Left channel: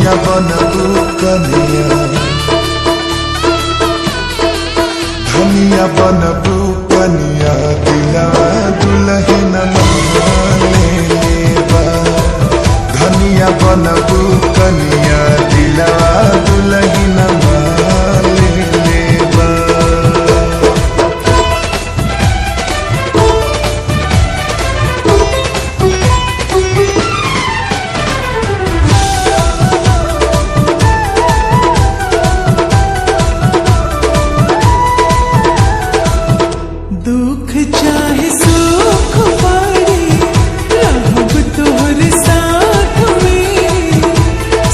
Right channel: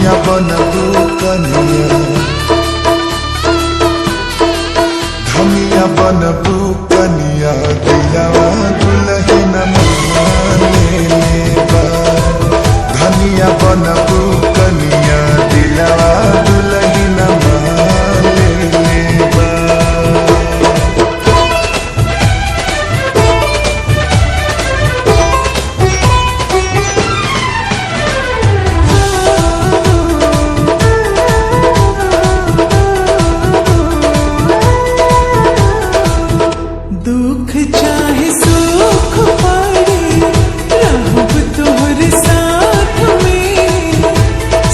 धनिया बनबू कनिया, धनिया बनबू कनिया, दिलवा दुल्हन ले लेबा। धनिया बनबू कनिया, दिलवा दुल्हन ले लेबा। दुख चाहे सुख पड़े, रहब तोहर साथ में।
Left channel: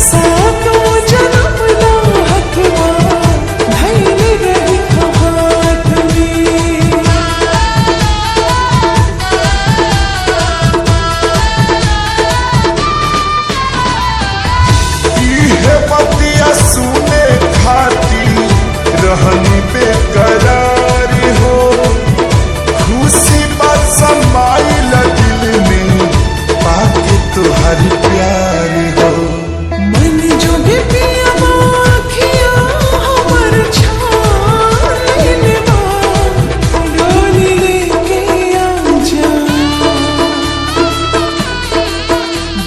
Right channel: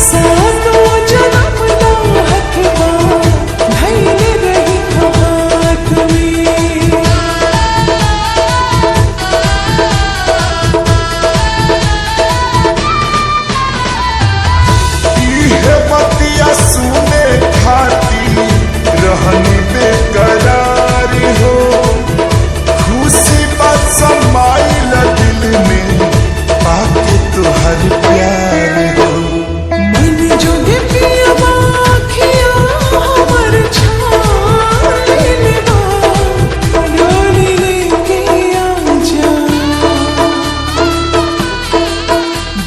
सातों जन्म ला हथवा धइले रही हाथ में। इहे बतिया सुने खाती रहनी बेकरार हो। खुशी बात समाइल दिल में पाके तुहर प्यार हो। मन जोगे पिया बाखिया हमर छान लेबा। डोली लेके आजा,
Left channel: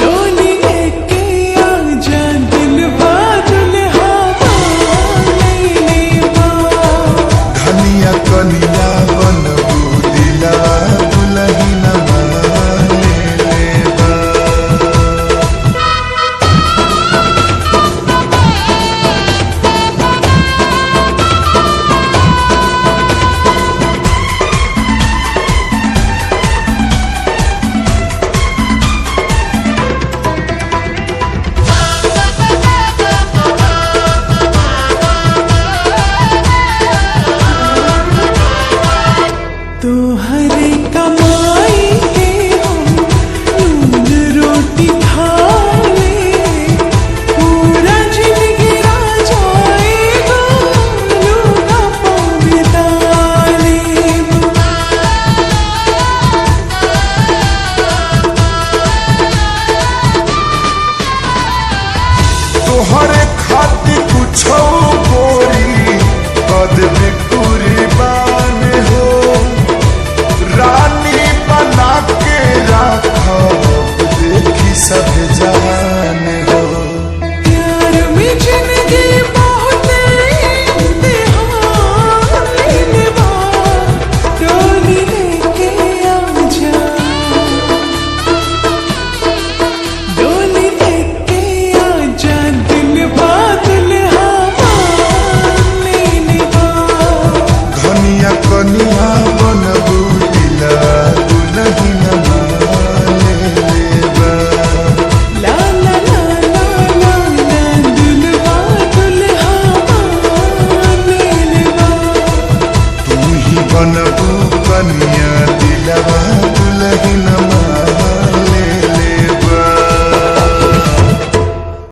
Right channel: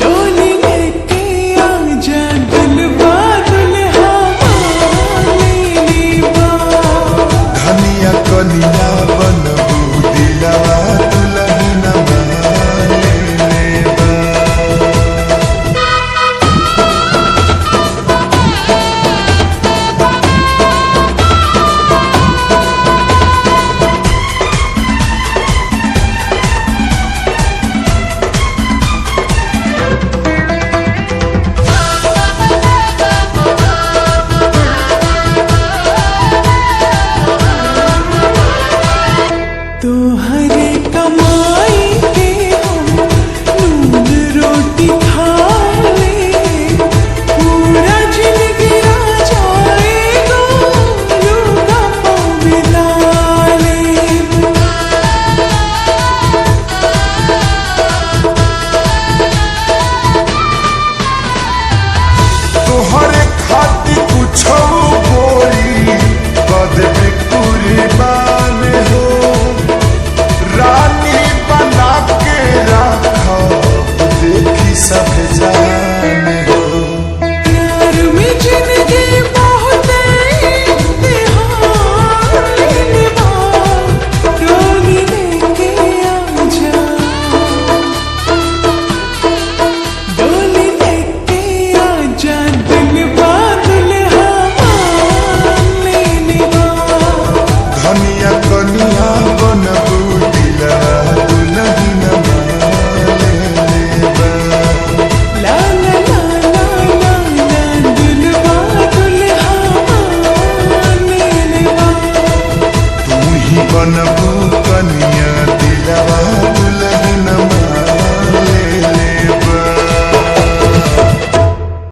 डोली लेके आजा, दिलवा दुल्हा ले लेबा। धनिया कनिया बनबू, दिलवा दुल्हन ले लेबा। तोहरे कमाई के हम नून रोटी खा ले। पूरा जिंदगी जाएगा लूगा पाँव बिता लेब। तोहरे खातिर कुछो गोरी कदबी कुर्बान हो। रानी बना के राखब देखी सब जान हो।